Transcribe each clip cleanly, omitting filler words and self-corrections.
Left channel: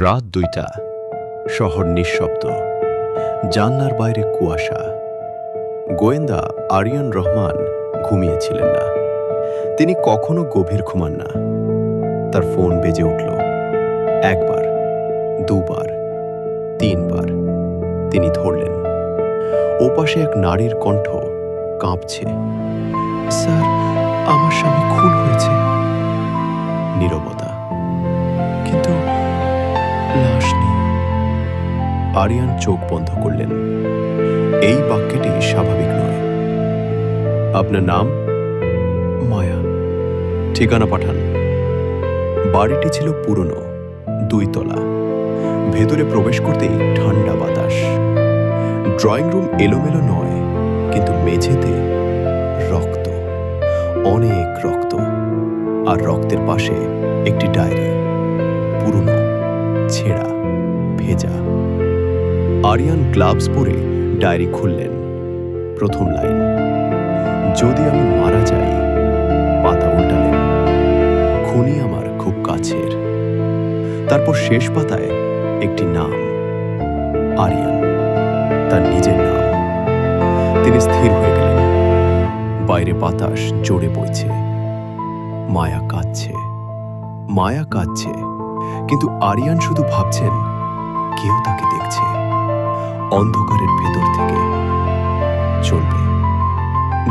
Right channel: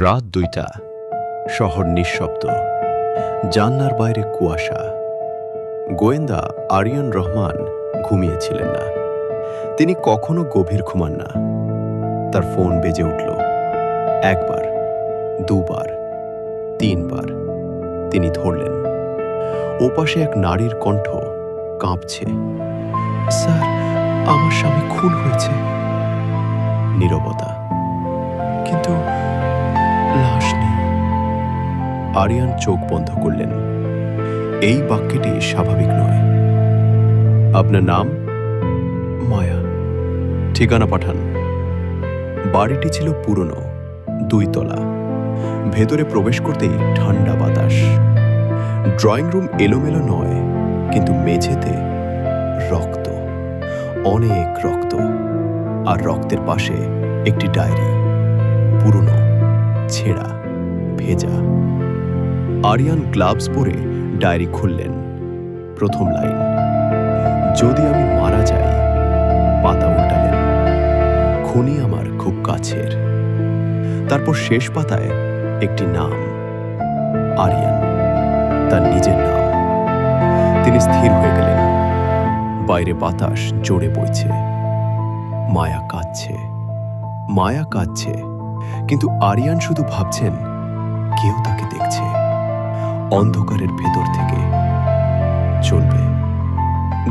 রাত ২টা, শহর নিঃশব্দ, জানলার বাইরে কুয়াশা। গোয়েন্দা আরিয়ান রহমান ঘুমিয়েছিলেন না। তিনি কখনো গভীর ঘুমান না। তার ফোন বেজে উঠল। একবার, দুবার, তিনবার। তিনি ধরলেন। ওপাশে এক নারীর কণ্ঠ কাঁপছে। স্যার, আমার স্বামী খুন হয়েছে। নীরবতা, কিন্তু লাশ নেই। আরিয়ান চোখ বন্ধ করলেন। এই বাক্যটি স্বাভাবিক নয়। আপনার নাম? মায়া। ঠিকানা পাঠান। বাড়িটি ছিল পুরনো, ২ তলা। ভেতরে প্রবেশ করতেই ঠান্ডা বাতাস। ড্রয়িং রুম এলোমেলো নয়, কিন্তু মেঝেতে রক্ত, অনেক রক্ত। আর রক্তের পাশে একটি ডায়েরি, পুরনো, ছেঁড়া, ভেজা। আরিয়ান গ্লাভস পরে ডায়েরি খুললেন। প্রথম লাইন, যদি আমি মারা যাই। পাতা উল্টালেন। খুনি আমার খুব কাছের। তারপর শেষ পাতায় একটি নাম, আরিয়ান, তার নিজের নাম। তিনি স্থির হয়ে গেলেন। বাইরে বাতাস জোরে বইছে। মায়া কাঁদছে, মায়া কাঁদছে, কিন্তু আরিয়ান শুধু ভাবছেন কেউ তাকে দেখছে অন্ধকারের ভেতর থেকে। চলবে।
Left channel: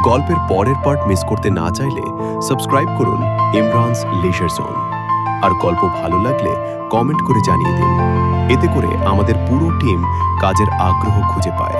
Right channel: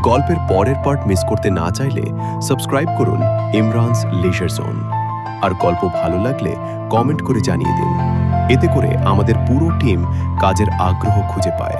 গল্পের পরের পার্ট মিস করতে না চাইলে সাবস্ক্রাইব করুন ইমরানস লিজার জোন। আর গল্প ভালো লাগলে কমেন্ট করে জানিয়ে দিন। এতে করে আমাদের পুরো টিম কাজের আগ্রহ খুঁজে পায়।